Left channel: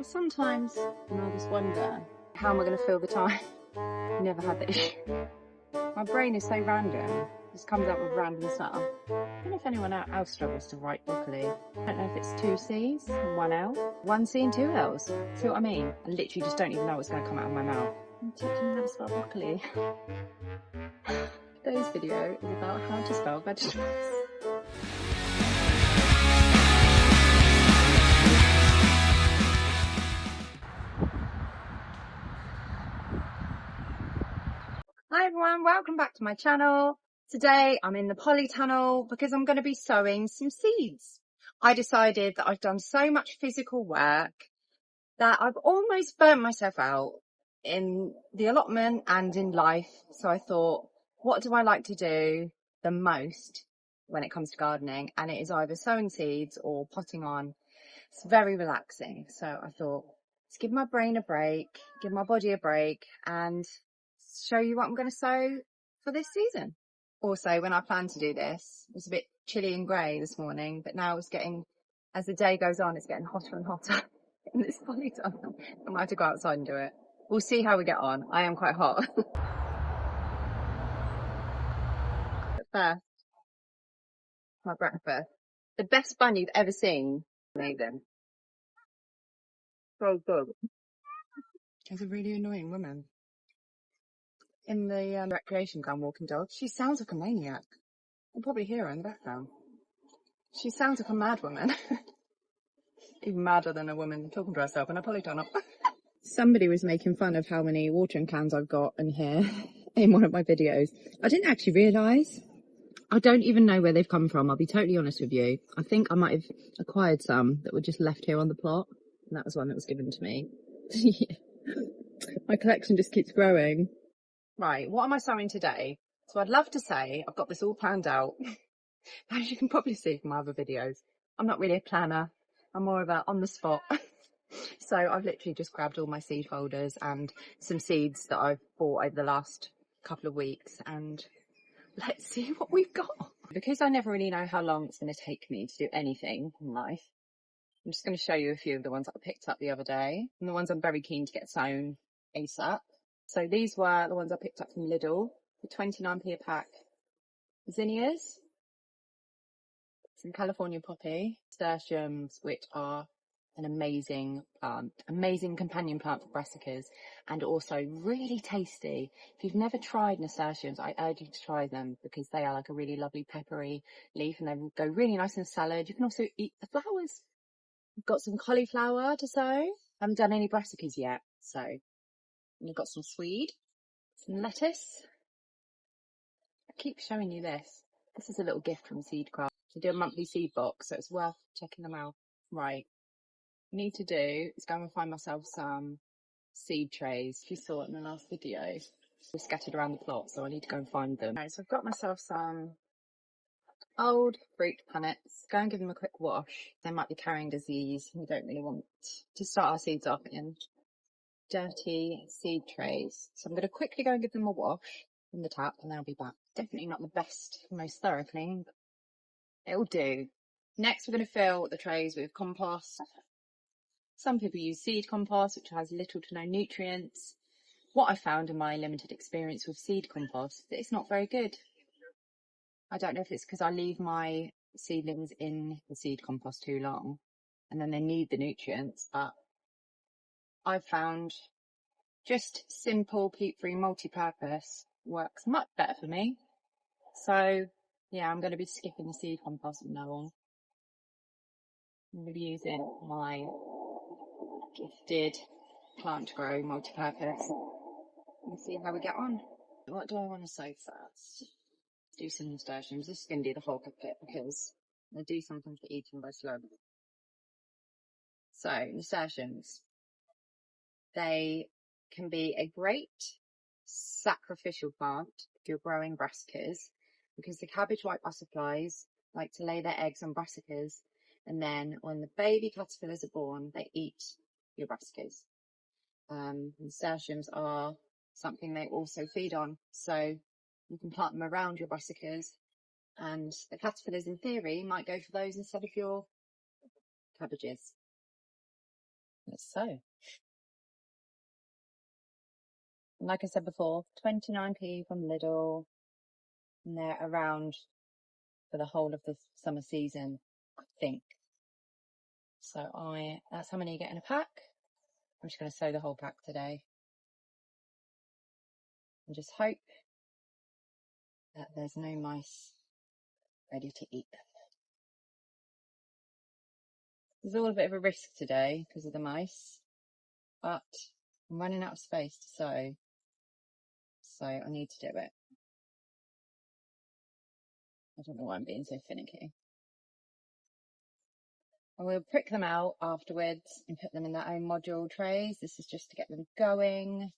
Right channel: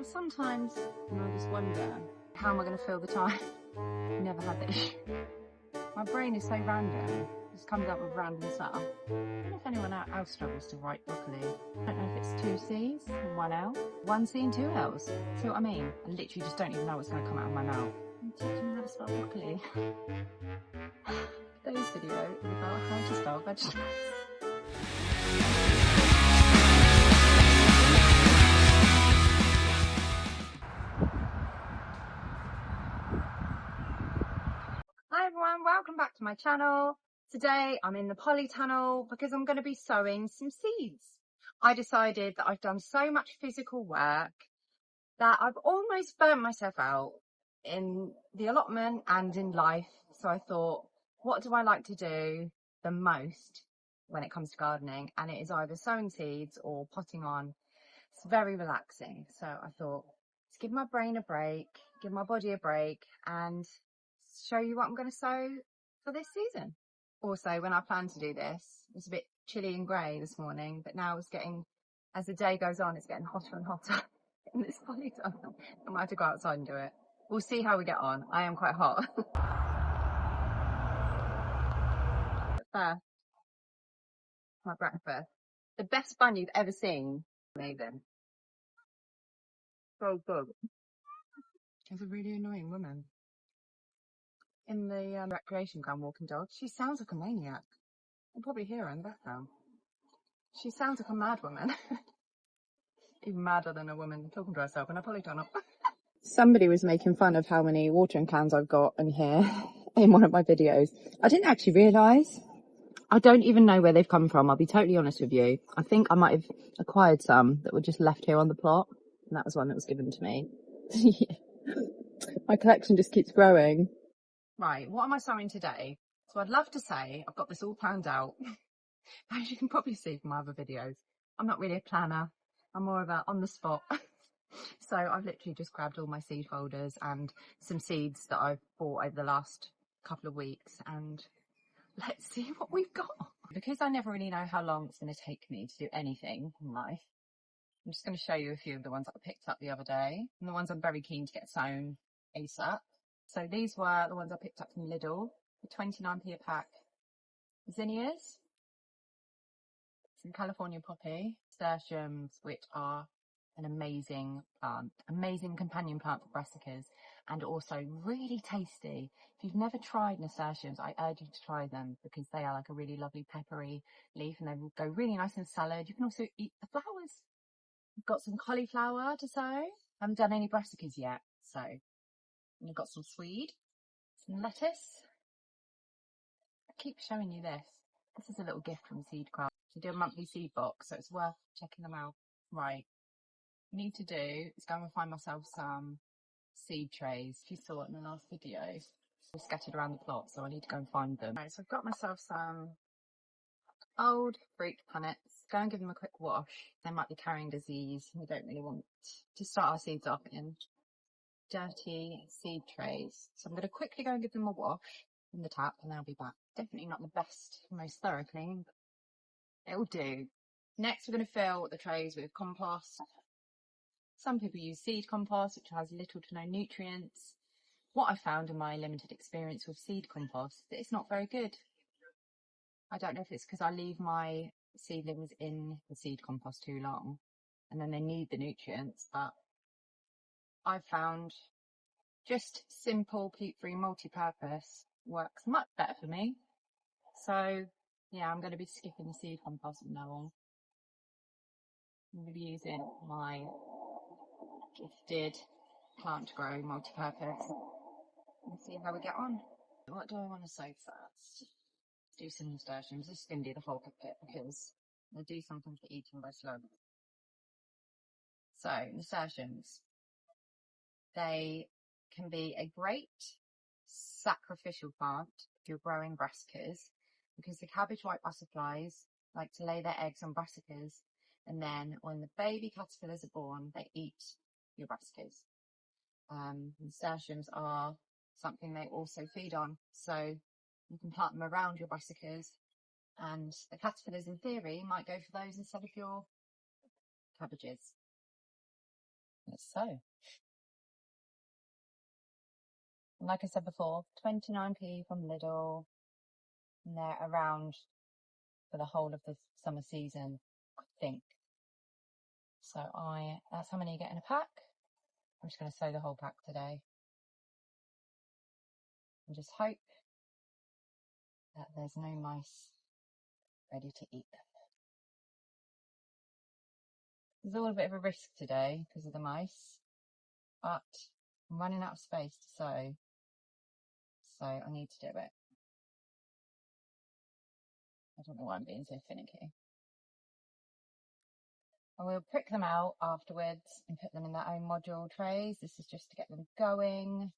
Well, sometimes I just wonder, how am I going to fill the time? Never had that issue. My brain is so random, just comes up with random stuff. I don't know if anyone else struggles to write broccoli. I don't know if it's 2 C's and 1 L, 1 C and 2 L's. See what I mean? I literally just don't even know what's going to come out of my mouth. I'm teaching how to spell broccoli. Today's video is about how to spell vegetables. Hi everyone, welcome back to my channel. Today I'm in the polytunnel because I'm going to be sowing some seeds. I decided that I've done so much physical work that I've almost burnt myself out in the allotment and in life. So I thought, what do I like to do the most when it comes to gardening? And it is either sowing seeds or potting on. It's very relaxing. So I thought, let's give my brain a break, give my body a break, and show you what I'm going to sow for this season. Also, when I planned to do this, it was a bit chilly and grey this morning, but now it's getting, as the day goes on, it's getting hotter and hotter in this polytunnel. I might have to go outside and do it. We'll see how we get on. I am quite hot. But first, my breakfast. The best bun you've ever seen. Amazing. So good. There's a really annoying woman in the recreation ground walking dogs. She sounds like a maniac. You'll probably hear her in the background. She sounds like a mad woman. Even madder than a woman talking to herself in a polytunnel. Somebody was making fun of how many watering cans I've got in here in one of my videos. I didn't actually realise. I don't even know where they've come from. I'll be totally honest with you. I think I might have acquired some that were just left here on the plot. And that was one that was given to me. My collection just keeps growing. Right, what am I sowing today? So I'd love to say I've got this all planned out. As you can probably see from my other videos, I'm not really a planner. I'm more of a on the spot. So I've literally just grabbed all my seed folders and some seeds that I've bought over the last couple of weeks, and let's see what we've got. Because I never really know how long it's going to take me to do anything in life, I'm just going to show you a few of the ones that I picked up the other day and the ones I'm very keen to get sown ASAP. So these were the ones I picked up from Lidl for 29p a pack. Zinnias, some California poppy, nasturtiums, which are an amazing plant, amazing companion plant for brassicas, and also really tasty. If you've never tried nasturtiums, I urge you to try them because they are like a really lovely peppery leaf and they go really nice in salad. You can also eat the flowers. We've got some cauliflower to sow. I haven't done any brassicas yet, so we've got some swede, some lettuce. I keep showing you this. This is a little gift from Seedcraft. To do a monthly seed box, so it's worth checking them out. Right, what I need to do is go and find myself some seed trays. If you saw it in the last video, they're scattered around the plot, so I need to go and find them. Right, so I've got myself some old fruit punnets. Go and give them a quick wash. They might be carrying disease. We don't really want to start our seeds off in dirty seed trays. So I'm going to quickly go and give them a wash from the tap and then I'll be back. Definitely not the best, most thorough clean, but it'll do. Next, we're going to fill the trays with compost. Some people use seed compost, which has little to no nutrients. What I found in my limited experience with seed compost, that it's not very good. I don't know if it's because I leave my seedlings in the seed compost too long and then they need the nutrients, but I've found just simple peat-free multi-purpose works much better for me. So yeah, I'm going to be skipping the seed compost from now on. I'm going to be using my gifted plant to grow multi-purpose and see how we get on. What do I want to sow first? Do some nasturtiums. This is going to do the whole bit because I do something for eating by slow. So nasturtiums, they can be a great sacrificial plant if you're growing brassicas, because the cabbage white butterflies like to lay their eggs on brassicas, and then when the baby caterpillars are born, they eat your brassicas. Nasturtiums are something they also feed on, so you can plant them around your brassicas, and the caterpillars in theory might go for those instead of your cabbages. Let's sow. And like I said before, 29p from Lidl, and they're around for the whole of the summer season, I think. So that's how many you get in a pack. I'm just going to sow the whole pack today. And just hope that there's no mice ready to eat them. There's all a bit of a risk today because of the mice, but I'm running out of space to sow, so I need to do it. I don't know why I'm being so finicky. I will prick them out afterwards and put them in their own module trays. This is just to get them going.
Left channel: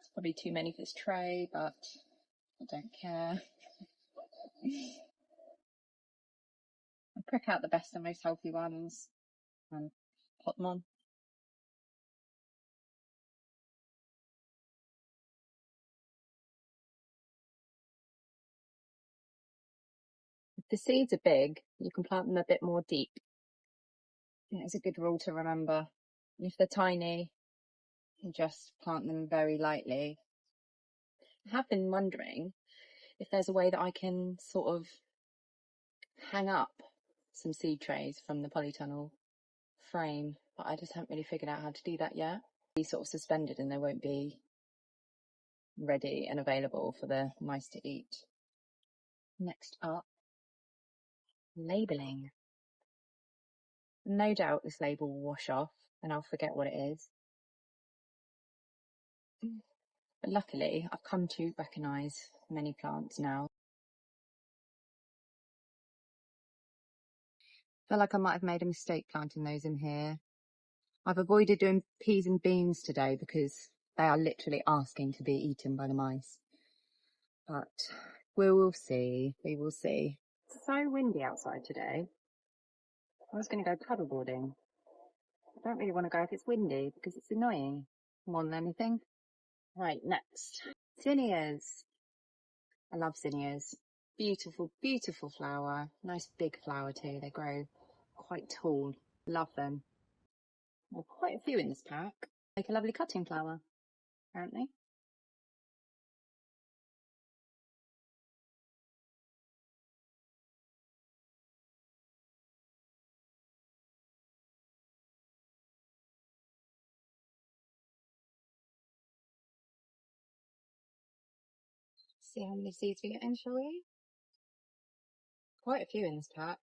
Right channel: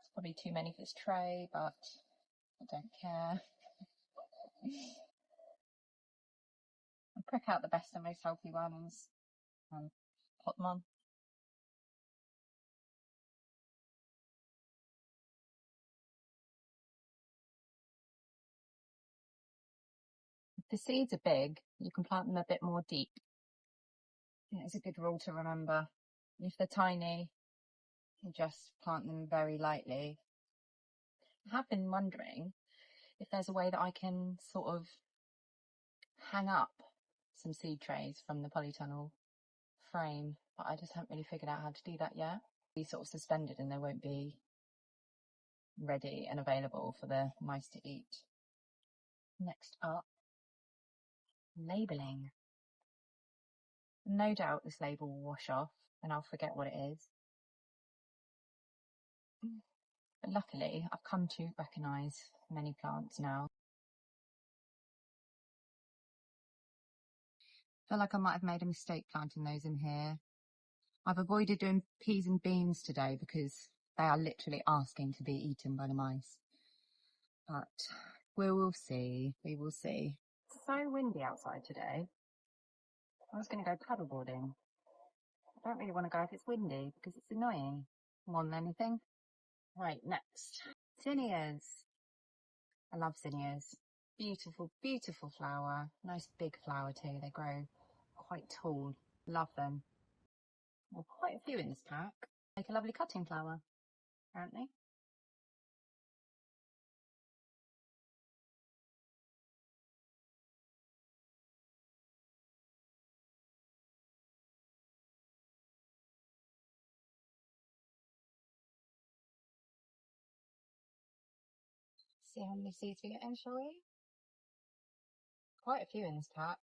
It's probably too many for this tray, but I don't care. I prick out the best and most healthy ones and put them on. If the seeds are big, you can plant them a bit more deep. It's a good rule to remember. If they're tiny, you just plant them very lightly. I have been wondering if there's a way that I can sort of hang up some seed trays from the polytunnel frame, but I just haven't really figured out how to do that yet. Be sort of suspended and they won't be ready and available for the mice to eat. Next up, labelling. No doubt this label will wash off and I'll forget what it is. But luckily, I've come to recognise many plants now. I feel like I might have made a mistake planting those in here. I've avoided doing peas and beans today because they are literally asking to be eaten by the mice. But we will see, we will see. It's so windy outside today. I was going to go paddleboarding. I don't really want to go if it's windy because it's annoying more than anything. Right, next. Zinnias. I love zinnias. Beautiful, beautiful flower. Nice big flower too. They grow quite tall. Love them. Well, quite a few in this pack. Make a lovely cutting flower, apparently. See how many seeds we get in, shall we? Quite a few in this pack.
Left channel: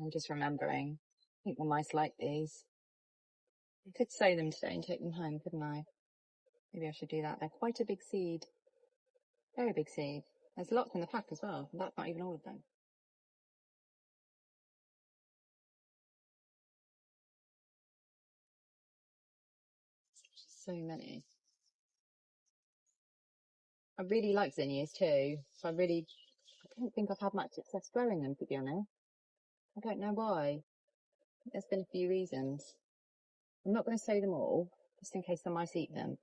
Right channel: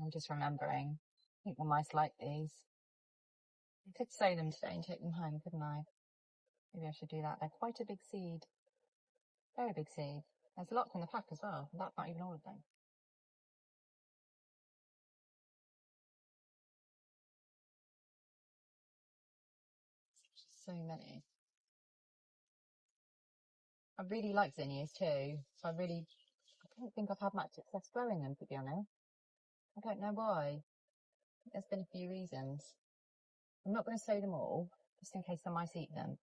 I'm just remembering. I think the mice like these. I could sow them today and take them home, couldn't I? Maybe I should do that. They're quite a big seed. Very big seed. There's lots in the pack as well. That's not even all of them. So many. I really like zinnias too. So I don't think I've had much success growing them, to be honest. I don't know why. There's been a few reasons. I'm not going to sow them all, just in case the mice eat them.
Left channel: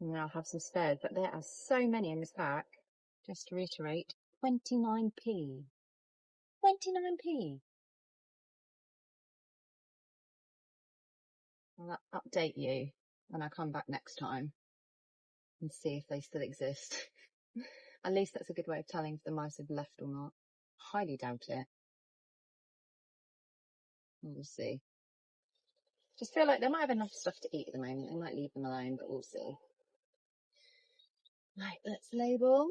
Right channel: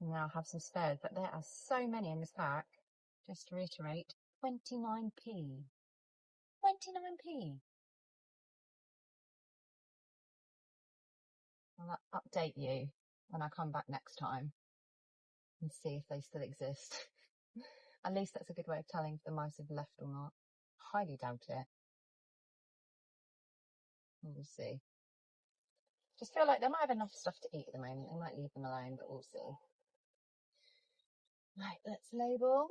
And I'll have some spares, but there are so many in this pack. Just to reiterate, 29p. 29p. I'll update you when I come back next time and see if they still exist. At least that's a good way of telling if the mice have left or not. Highly doubt it. We'll see. Just feel like they might have enough stuff to eat at the moment. They might leave them alone, but we'll see. Right, let's label.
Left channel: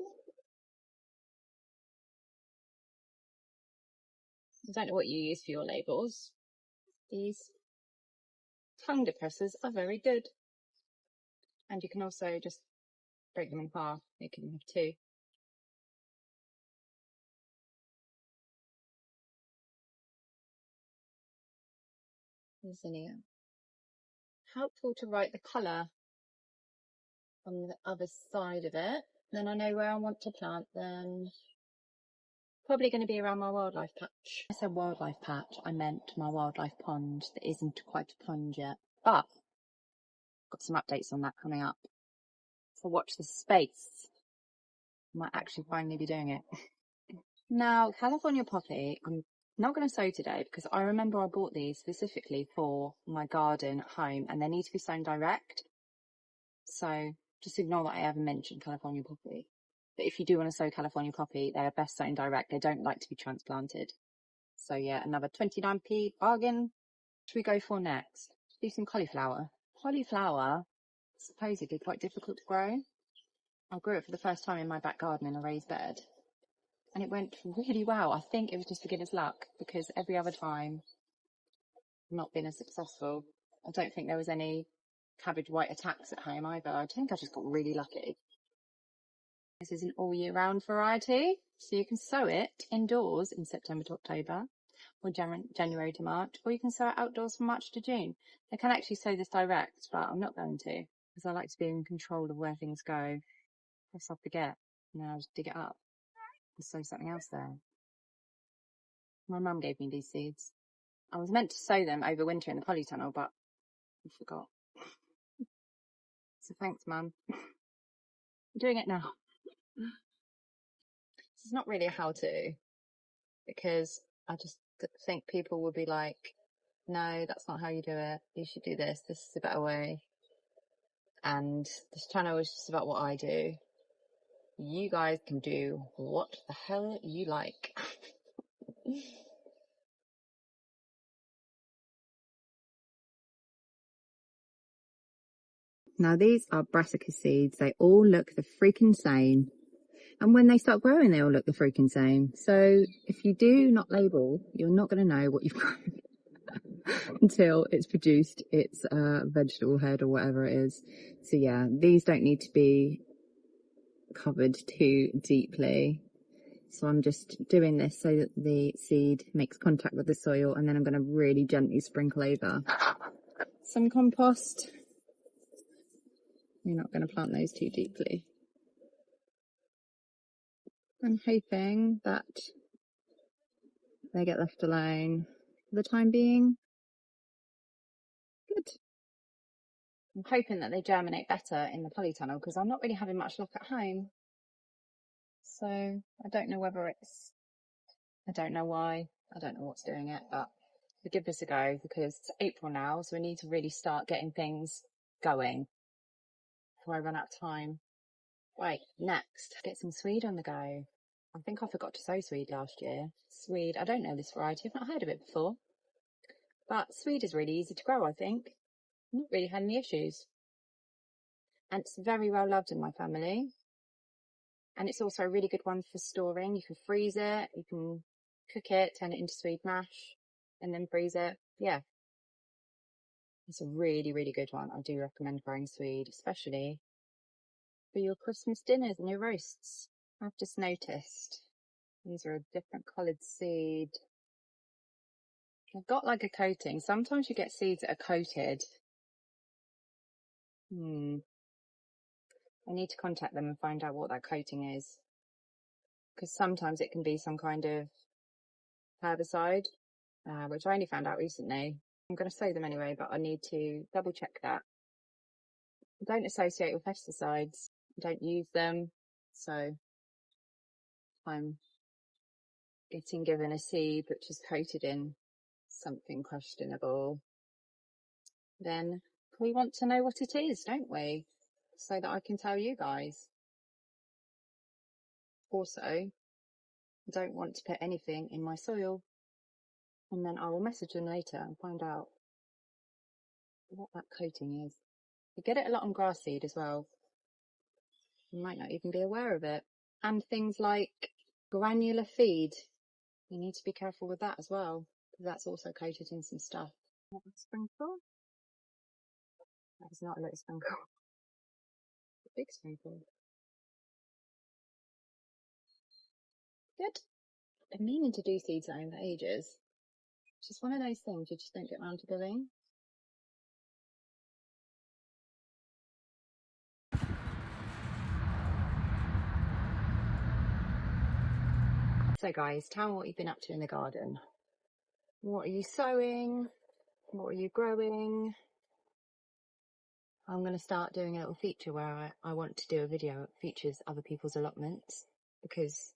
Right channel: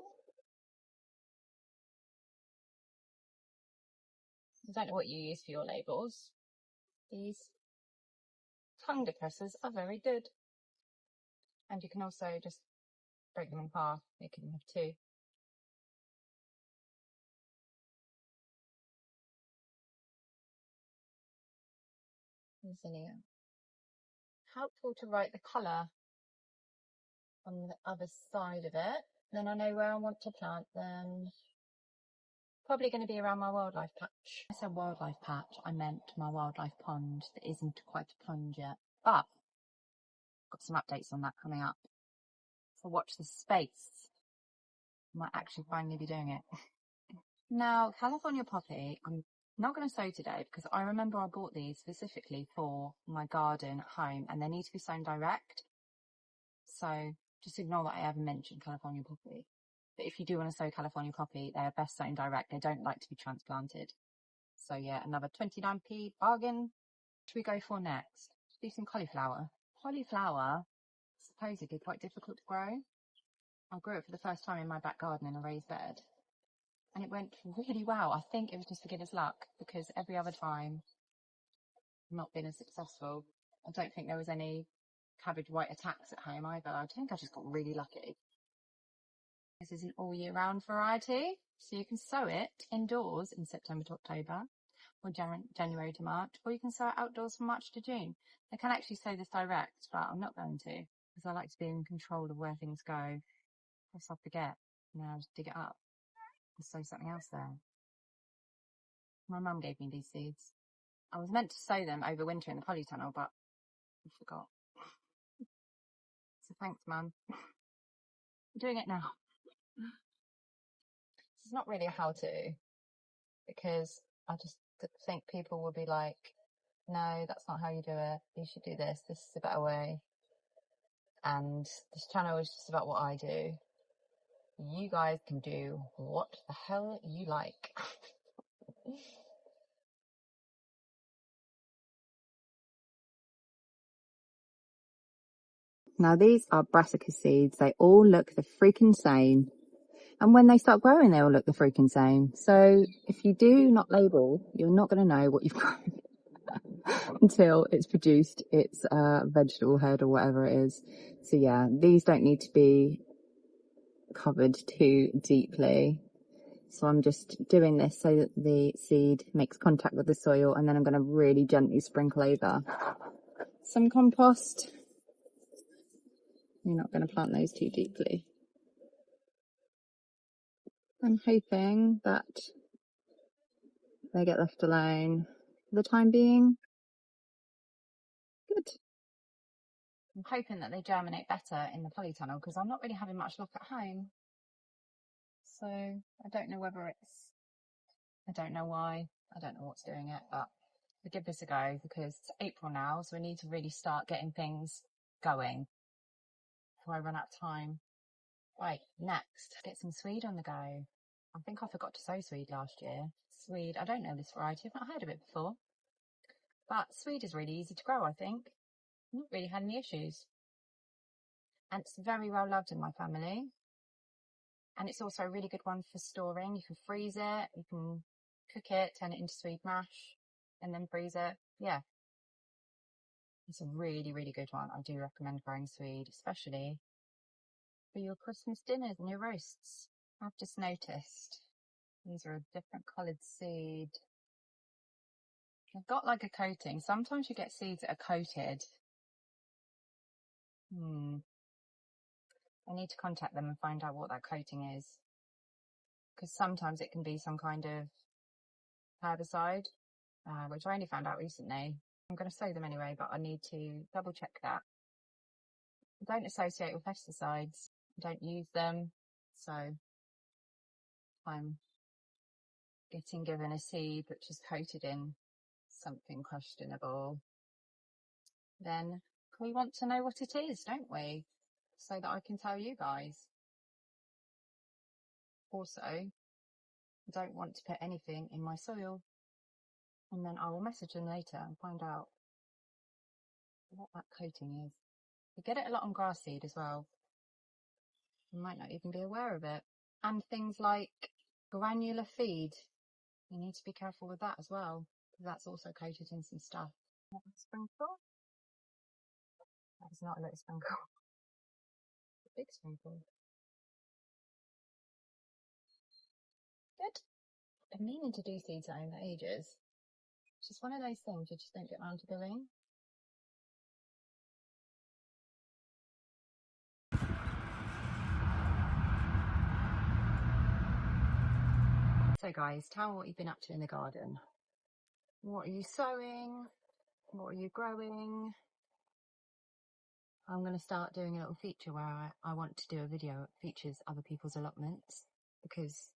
I don't know what you use for your labels. These tongue depressors are very good. And you can also just break them in half. You can have two. Zinnia. Helpful to write the colour on the other side of it. Then I know where I want to plant them. Probably going to be around my wildlife patch. I said wildlife patch, I meant my wildlife pond that isn't quite a pond yet. But got some updates on that coming up. So watch this space. I might actually finally be doing it. Now, California poppy, I'm not going to sow today because I remember I bought these specifically for my garden at home and they need to be sown direct. So just ignore that I ever mentioned California poppy. But if you do want to sow California poppy, they are best sown direct. They don't like to be transplanted. So yeah, another 29p bargain. What should we go for next? Do some cauliflower. Cauliflower is supposedly quite difficult to grow. I grew it for the first time in my back garden in a raised bed. And it went really well. I think it was just beginner's luck because every other time I've not been as successful. I don't think there was any cabbage white attacks at home either. I think I just got really lucky. This is an all year round variety, so you can sow it indoors in September to October or January to March, or you can sow it outdoors from March to June. I can actually sow this direct, but I'm not going to because I like to be in control of where things go. If I forget, and then I'll just dig it up and sow something else there. My mum gave me these seeds. I was meant to sow them over winter in the polytunnel, but I forgot. So thanks, Mum. I'm doing it now. This is not really a how-to because I just think people will be like, no, that's not how you do it. You should do this. This is a better way. And this channel is just about what I do. You guys can do what the hell you like. Now these are brassica seeds. They all look the freaking same. And when they start growing, they all look the freaking same. So if you do not label, you're not going to know what you've grown until it's produced its vegetable head or whatever it is. So yeah, these don't need to be covered too deeply. So I'm just doing this so that the seed makes contact with the soil, and then I'm going to really gently sprinkle over some compost. You're not going to plant those too deeply. I'm hoping that they get left alone for the time being. Good. I'm hoping that they germinate better in the polytunnel because I'm not really having much luck at home. So I don't know whether it's, I don't know why, I don't know what's doing it, but we'll give this a go because it's April now, so we need to really start getting things going before I run out of time. Right, next, get some swede on the go. I think I forgot to sow swede last year. Swede, I don't know this variety, I've not heard of it before. But swede is really easy to grow, I think. I've not really had any issues. And it's very well loved in my family. And it's also a really good one for storing. You can freeze it, you can cook it, turn it into swede mash, and then freeze it. Yeah. It's a really, really good one. I do recommend growing swede, especially for your Christmas dinners and your roasts. I've just noticed these are a different coloured seed. They've got like a coating. Sometimes you get seeds that are coated. I need to contact them and find out what that coating is. Because sometimes it can be some kind of herbicide, which I only found out recently. I'm going to sow them anyway, but I need to double check that. I don't associate with pesticides. I don't use them. So if I'm getting given a seed which is coated in something questionable, then we want to know what it is, don't we? So that I can tell you guys. Also, I don't want to put anything in my soil, and then I will message them later and find out what that coating is. You get it a lot on grass seed as well. You might not even be aware of it. And things like granular feed. You need to be careful with that as well, because that's also coated in some stuff. A sprinkle? That is not a little sprinkle. A big sprinkle. Good. I've been meaning to do seed sowing for ages. It's just one of those things you just don't get around to doing. So guys, tell me what you've been up to in the garden. What are you sowing? What are you growing? I'm going to start doing a little feature where I want to do a video that features other people's allotments, because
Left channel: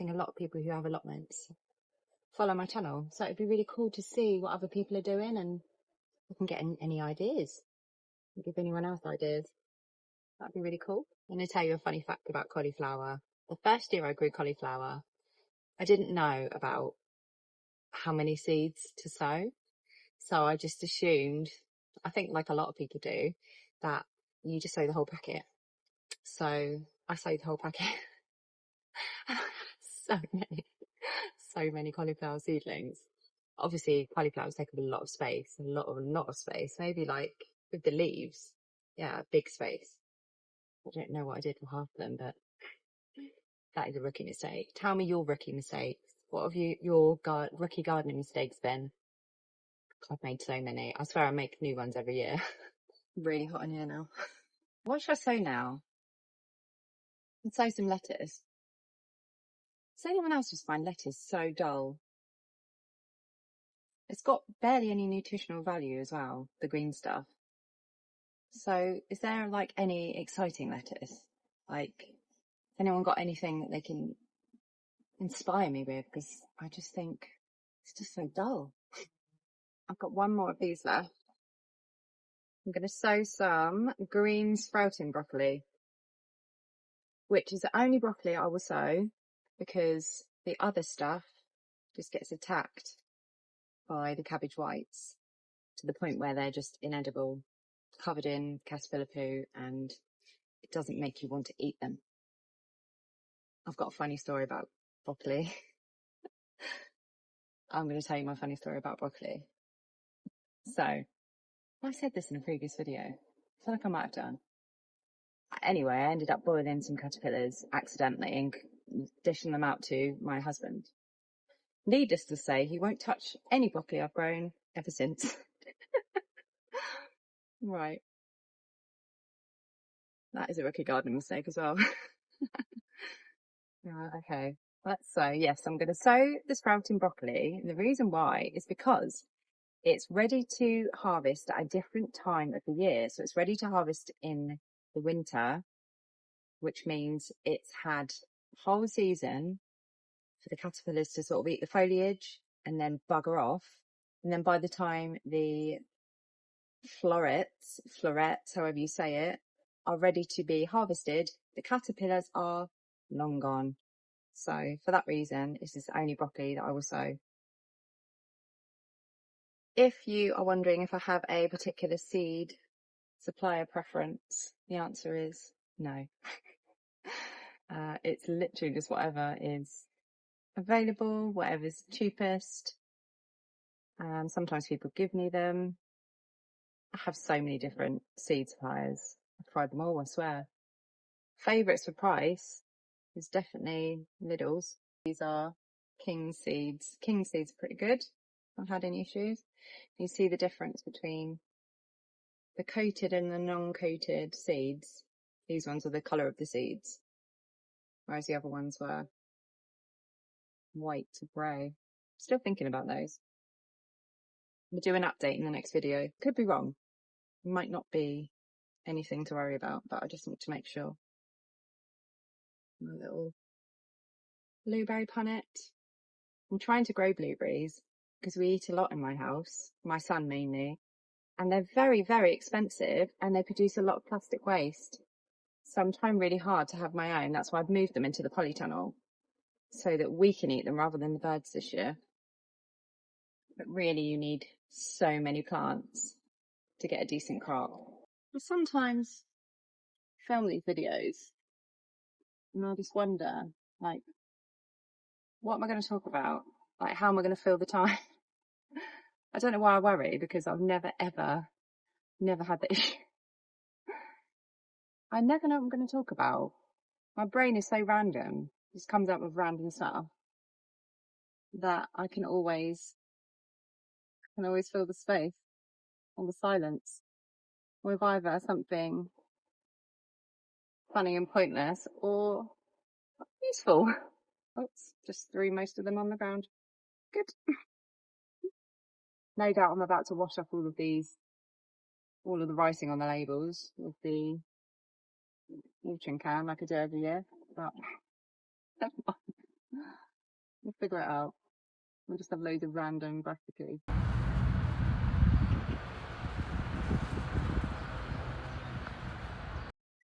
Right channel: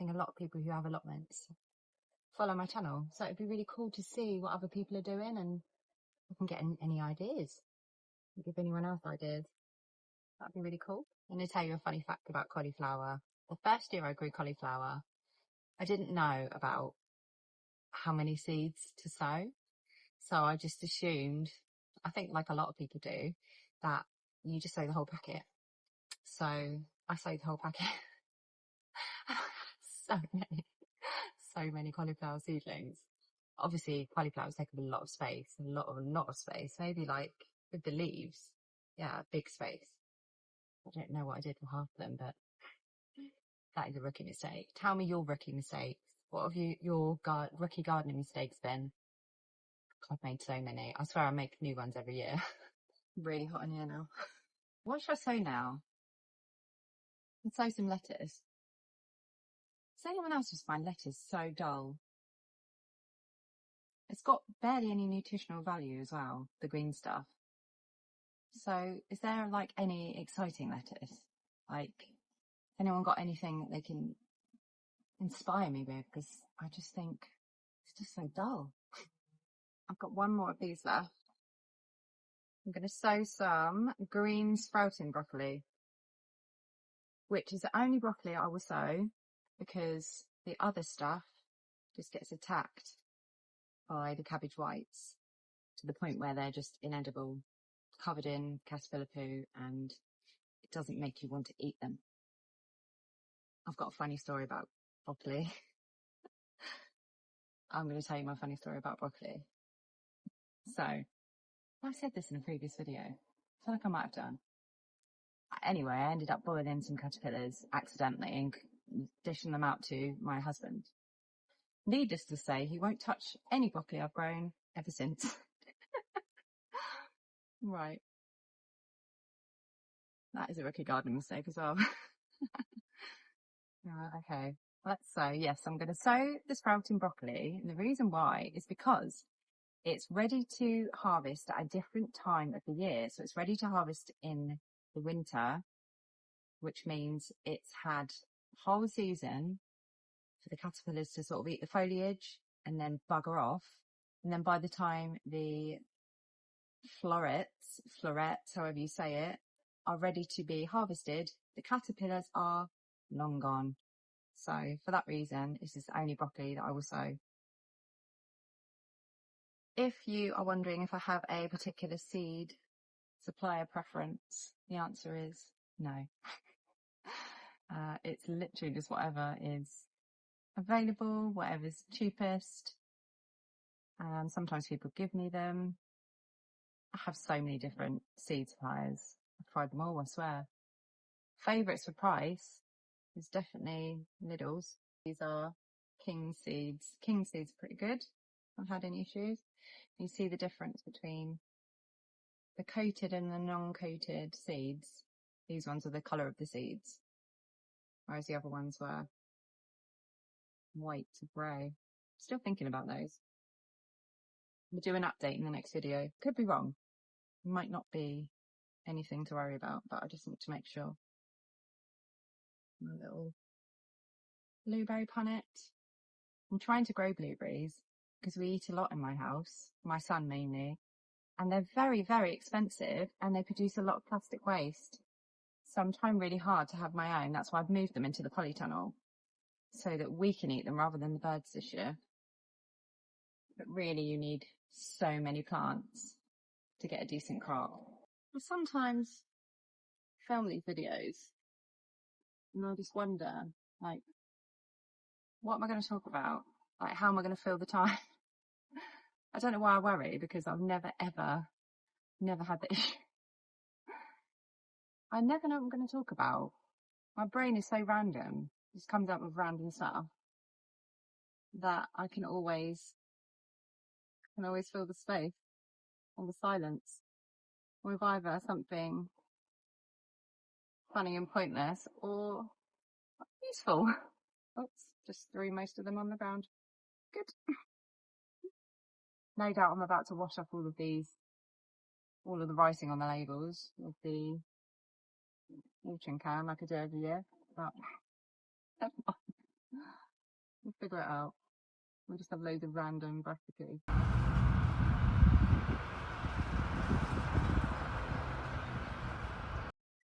think a lot of people who have allotments follow my channel. So it'd be really cool to see what other people are doing, and we can get any ideas. Give anyone else ideas. That'd be really cool. I'm going to tell you a funny fact about cauliflower. The first year I grew cauliflower, I didn't know about how many seeds to sow. So I just assumed, I think like a lot of people do, that you just sow the whole packet. So I sowed the whole packet. so many cauliflower seedlings. Obviously, cauliflowers take up a lot of space, a lot of space. Maybe like with the leaves, yeah, big space. I don't know what I did for half of them, but that is a rookie mistake. Tell me your rookie mistakes. What have your rookie gardening mistakes been? I've made so many. I swear I make new ones every year. Really hot in here now. What should I sow now? I'd sow some lettuce. Does anyone else just find lettuce so dull? It's got barely any nutritional value as well, the green stuff. So is there like any exciting lettuce? Like, has anyone got anything that they can inspire me with? Because I just think it's just so dull. I've got one more of these left. I'm going to sow some green sprouting broccoli, which is the only broccoli I will sow because the other stuff just gets attacked by the cabbage whites to the point where they're just inedible, covered in caterpillar poo, and it doesn't make you want to eat them. I've got a funny story about broccoli. I'm going to tell you my funny story about broccoli. So, I said this in a previous video. I feel like I might have done. Anyway, I ended up boiling some caterpillars accidentally and dishing them out to my husband. Needless to say, he won't touch any broccoli I've grown ever since. Right. That is a rookie gardening mistake as well. Right, okay. Let's sow. Yes, I'm going to sow the sprouting broccoli. And the reason why is because it's ready to harvest at a different time of the year. So it's ready to harvest in the winter, which means it's had a whole season for the caterpillars to sort of eat the foliage and then bugger off. And then by the time the florets, however you say it, are ready to be harvested, the caterpillars are long gone. So for that reason, this is the only broccoli that I will sow. If you are wondering if I have a particular seed supplier preference, the answer is no. It's literally just whatever is available, whatever's cheapest. Sometimes people give me them. I have so many different seed suppliers. I've tried them all, I swear. Favourites for price is definitely Lidl's. These are King seeds. King seeds are pretty good. I haven't had any issues. You see the difference between the coated and the non-coated seeds. These ones are the colour of the seeds, whereas the other ones were white to grey. Still thinking about those. We'll do an update in the next video. Could be wrong. Might not be anything to worry about, but I just want to make sure. My little blueberry punnet. I'm trying to grow blueberries because we eat a lot in my house, my son mainly, and they're very, very expensive and they produce a lot of plastic waste. So I'm trying really hard to have my own. That's why I've moved them into the polytunnel so that we can eat them rather than the birds this year. But really you need so many plants to get a decent crop. I sometimes film these videos and I just wonder, like, what am I going to talk about? Like, how am I going to fill the time? I don't know why I worry, because I've never had the issue. I never know what I'm going to talk about. My brain is so random. It just comes out with random stuff that I can always fill the space or the silence with either something funny and pointless or useful. Oops, just threw most of them on the ground. Good. No doubt I'm about to wash off all of the writing on the labels with the watering can like I do every year, but We'll figure it out. We'll just have loads of random broccoli.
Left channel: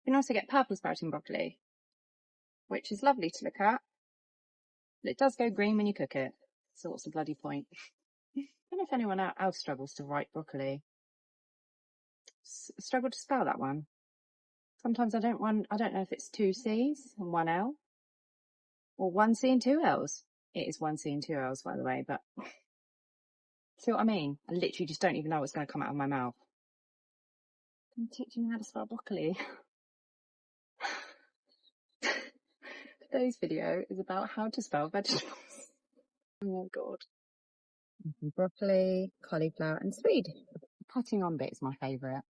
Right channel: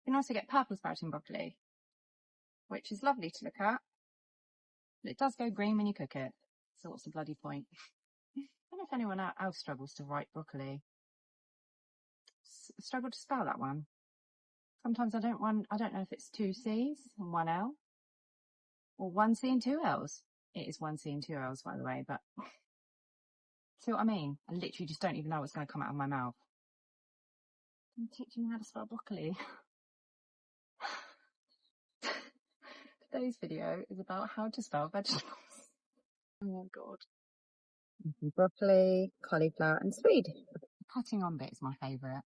You can also get purple sprouting broccoli, which is lovely to look at, but it does go green when you cook it. So what's the bloody point? I don't know if anyone else struggles to write broccoli. Struggle to spell that one. Sometimes I don't know if it's 2 C's and 1 L, or 1 C and 2 L's. It is 1 C and 2 L's, by the way, but see what I mean? I literally just don't even know what's going to come out of my mouth. I'm teaching you how to spell broccoli. Today's video is about how to spell vegetables. Oh god. Broccoli, cauliflower and swede. The putting on bit is my favourite.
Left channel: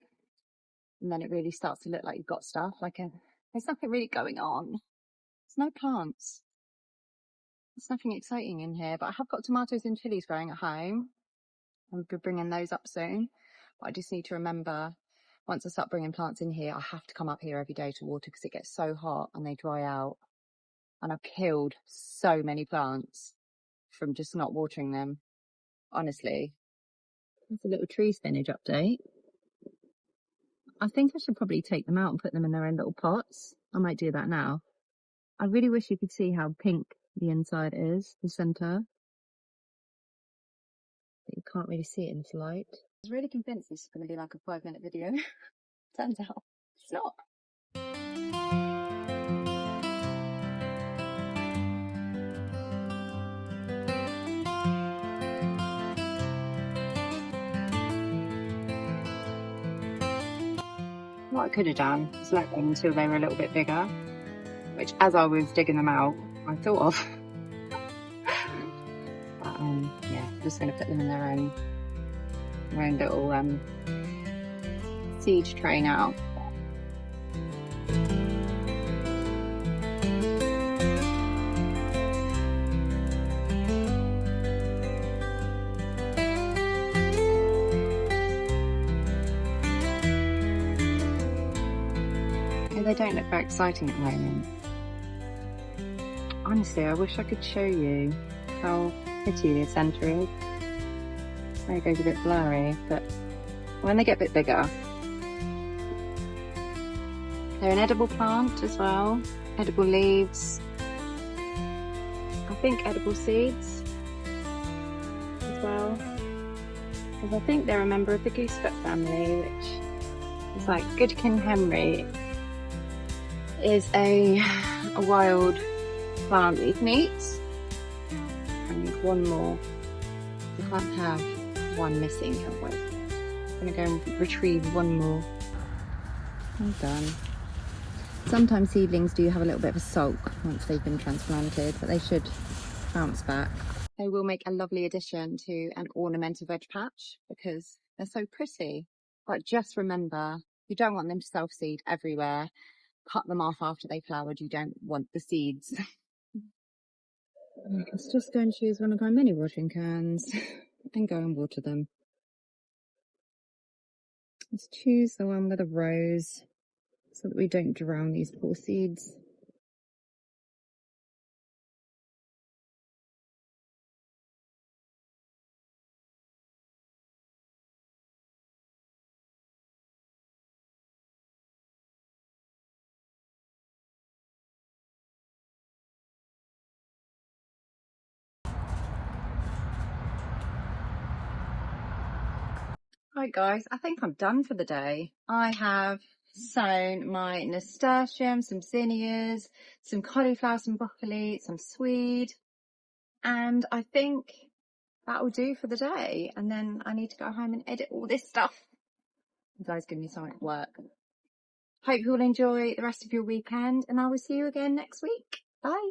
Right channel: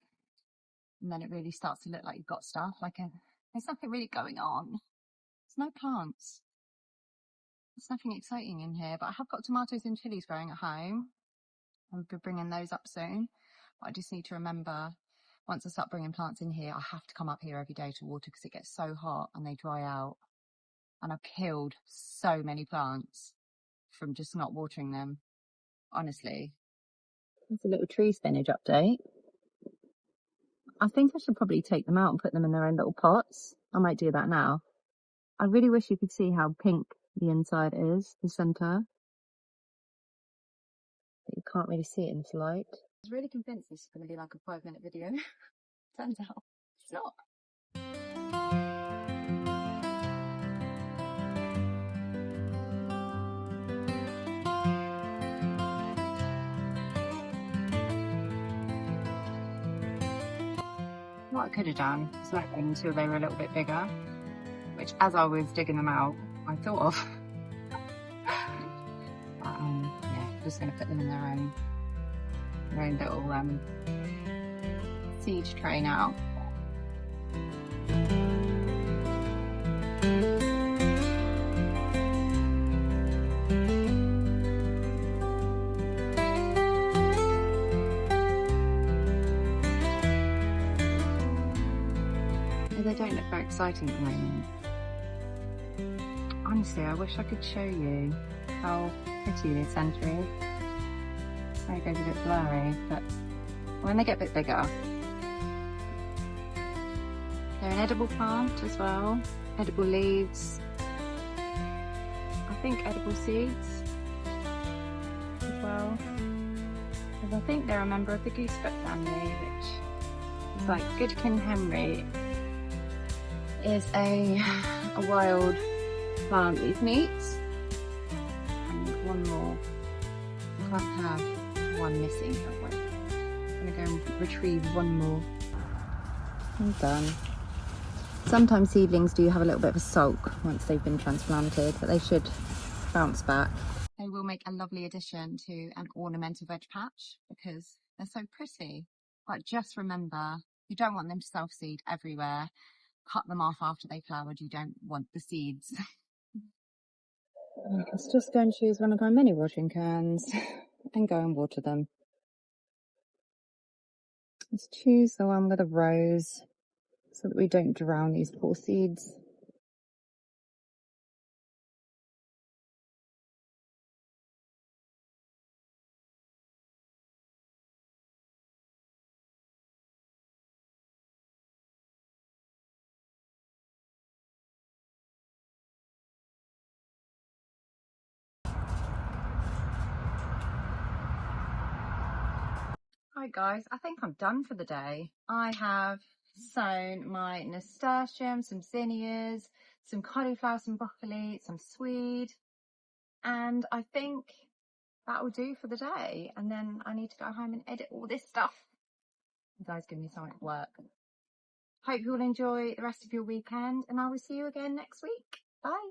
And then it really starts to look like you've got stuff, there's nothing really going on. There's no plants. There's nothing exciting in here, but I have got tomatoes and chilies growing at home. I'll be bringing those up soon. But I just need to remember, once I start bringing plants in here, I have to come up here every day to water because it gets so hot and they dry out. And I've killed so many plants from just not watering them, honestly. That's a little tree spinach update. I think I should probably take them out and put them in their own little pots. I might do that now. I really wish you could see how pink the inside is, the centre. But you can't really see it in this light. I was really convinced this is going to be like a 5-minute video. Turns out it's not. What I could have done is left them until they were a little bit bigger, which as I was digging them out, I thought of. But, yeah, I'm just going to put them in their own little seed tray now. They don't look very exciting at the moment. Honestly, I wish I could show you how pretty the centre is. There it goes a bit blurry, but when they get a bit bigger, they're an edible plant as well. Edible leaves. I think edible seeds as well. Because I think they're a member of the goosefoot family, which is like Good King Henry is a wild plant that you can eat. And one more. We can't have one missing, have we? I'm gonna go and retrieve one more. I'm done. Sometimes seedlings do have a little bit of a sulk once they've been transplanted, but they should bounce back. They will make a lovely addition to an ornamental veg patch because they're so pretty. But just remember, you don't want them to self-seed everywhere. Cut them off after they flowered. You don't want the seeds. Let's just go and choose one of my mini watering cans and go and water them. Let's choose the one with a rose so that we don't drown these poor seeds. Right guys, I think I'm done for the day. I have sown my nasturtiums, some zinnias, some cauliflower, some broccoli, some swede, and I think that will do for the day. And then I need to go home and edit all this stuff. You guys give me so much work. Hope you all enjoy the rest of your weekend, and I will see you again next week. Bye.